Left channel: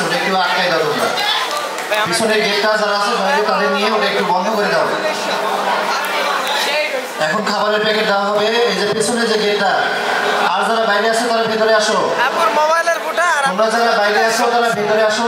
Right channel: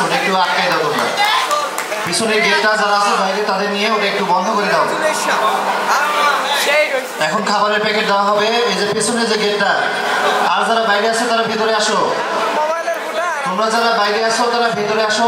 আছে ওটা একটু আটকাই দাও তোমরা পিছনের গেটটা যারা আছে বাইরে তাদের নিয়ে ওটা একটু বন্ধ করে দাও এখন খাবারের প্যাকেট দেওয়া হবে এই যে পিছনে যে গেটটা আর যারা বাইরে আছো তারা ভেতরে আসো তোমরা যারা বাইরে আসো তারা ভেতরে আসো